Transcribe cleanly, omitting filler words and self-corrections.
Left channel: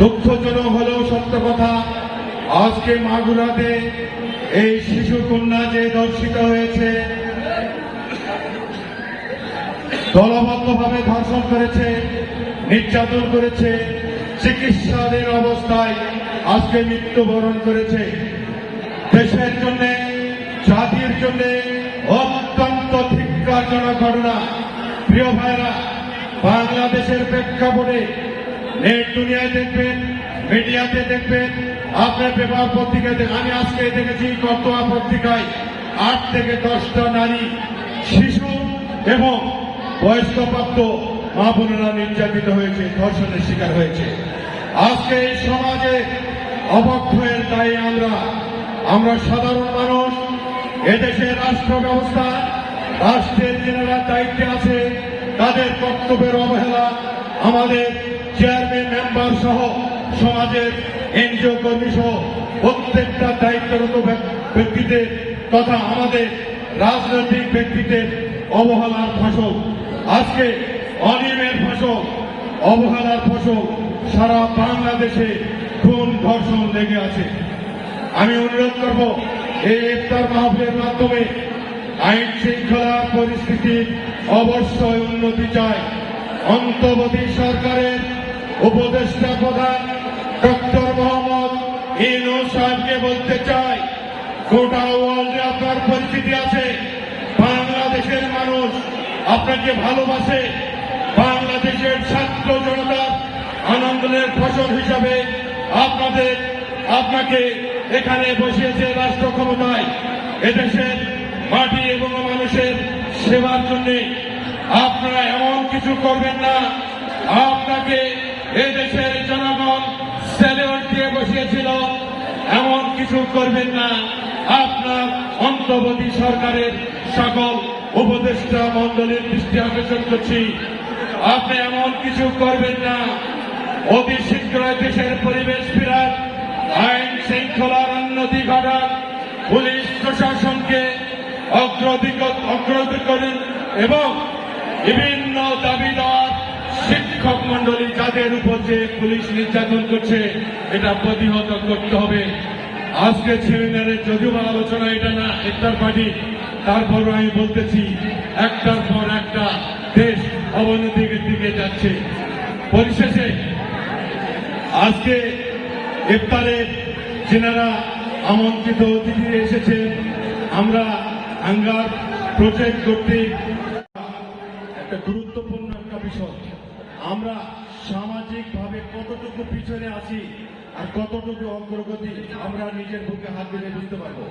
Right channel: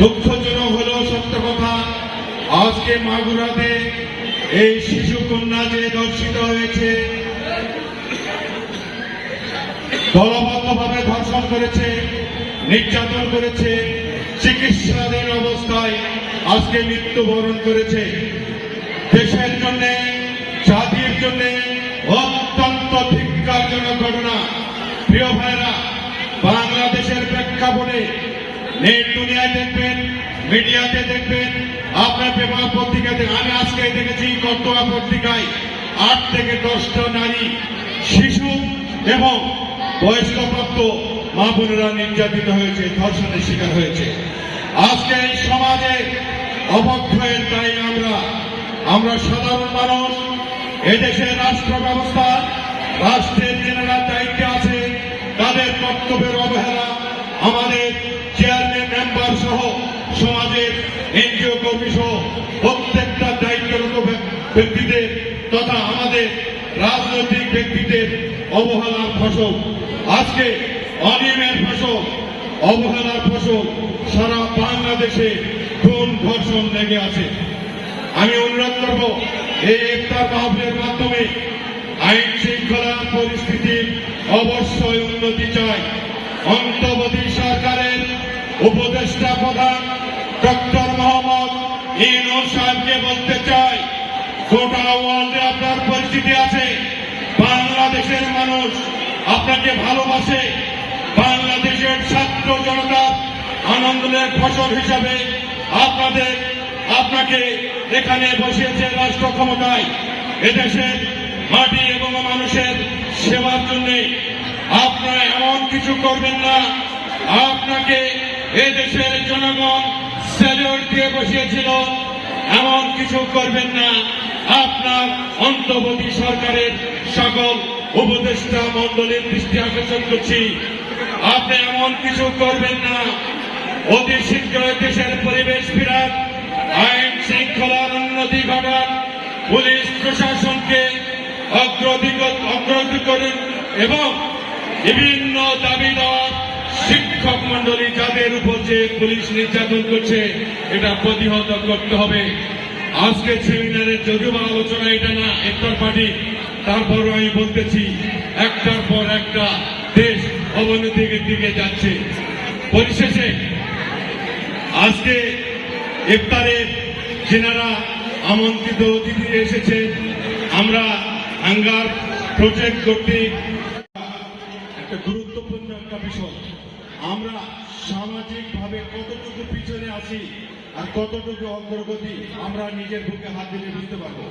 দুঃখজনক হলেও সত্য কথা, আজকে মাগুরাতে এই শিশু কন্যা যে ধর্ষিত হয়েছে, দলবদ্ধভাবে ধর্ষণ করেছে, নির্যাতন করেছে, চিকিৎসাধীন অবস্থায় আজকে মৃত্যুবরণ করেছে। দেশের জন্য, জাতির জন্য অত্যন্ত ধিক্কারজনক ঘটনা। প্রিয় ভাইরা, বাংলাদেশের প্রেক্ষাপটে নেট দুনিয়ায় দেখবেন, মিডিয়াতে দেখবেন, আপনার পেপার পত্রিকায় আমি আজকে দেখেছি কতোয়া পত্রিকায় 8 থেকে 10টা নারী, শিশু এবং বয়স্কপ্রাপ্ত মা বোনেরা নির্যাতিত হয়েছে, ধর্ষণের শিকার হয়েছে। আজকে এই সমাজে অবক্ষয়ের দায়ী আমরা সাধারণ মানুষ। এদেশের রাষ্ট্র ব্যবস্থা, রাষ্ট্রের যারা দায়িত্বে আছে তাদের কর্তব্যের অবহেলা, আমাদের চেয়ারম্যান, মেম্বার সহ সমাজের এনজিও কর্মী সহ প্রত্যেকটা দায়িত্বরত ব্যক্তিদের তথা আমাদের রাজনৈতিক ব্যক্তিদের অবহেলার ফসল, আজকে অনিয়মের ফসল, অবহেলার ফসল সারা বাংলাদেশে খুন ধর্ষণ লেগে আছে। আমি অনুরোধ করব, এই ইফতার মাহফিলের মাধ্যমে আইন শৃঙ্খলা পরিস্থিতির অবশ্যই উন্নতি চাই। অন্তর্বর্তী সরকারের উপদেষ্টা প্রধান ডক্টর মোহাম্মদ ইউনূস সাহেবকে বলতে চাই, গোটা ওয়ার্ল্ডে আপনার পরিচিতি আছে, বাংলাদেশের মানুষ আপনাকে ভালোবাসে। বাংলাদেশের ছাত্র জনতার আন্দোলনের ফসল হিসাবে আপনাকে এখানে বসিয়েছে রাষ্ট্র ক্ষমতায়। এদেশের মাটি এবং মানুষের সেবার জন্য আপনারা এমন কিছু করবেন না, আপনাকে এদেশের জনগণ স্যালুট দিয়ে বসিয়েছিল, এমন কিছু করবেন না। আপনার অন্তর্বর্তী সরকারের সকল উপদেষ্টা মন্ডলীর দৃষ্টি আকর্ষণ করছি, আপনি এমন কিছু করবেন না। অতি শীঘ্রই দেশের পরিবেশ ফিরান, আইন শৃঙ্খলার উন্নতি ঘটান, পুলিশ প্রশাসনকে অগ্রগতি করুন এবং বিভিন্ন দাবিদার শিক্ষক মন্ডলী যাদের উপর যে পুলিশ নির্যাতন করছে এটা প্রতিহত করতে হবে। আজকের সেমিনারের যদিও আলোচনা এটা না, ইফতার পার্টি, তারপরও আমি বলতেছি একটার পর একটা দেশ অবনতির দিকে যাচ্ছে। পরিশেষে আজকে ইফতারে যেনারা আমন্ত্রিত অতিথি এসেছেন, আমরা হাঙ্গার প্রজেক্ট কর্তৃক একটা গুরুত্বপূর্ণ একটা বিষয়, আমরা সামাজিকভাবে কতটুকু পিছনে আছি আর কতটুকু অগ্রগতি আমরা নিজের বুকে হাত দিলে বুঝতে পারবো।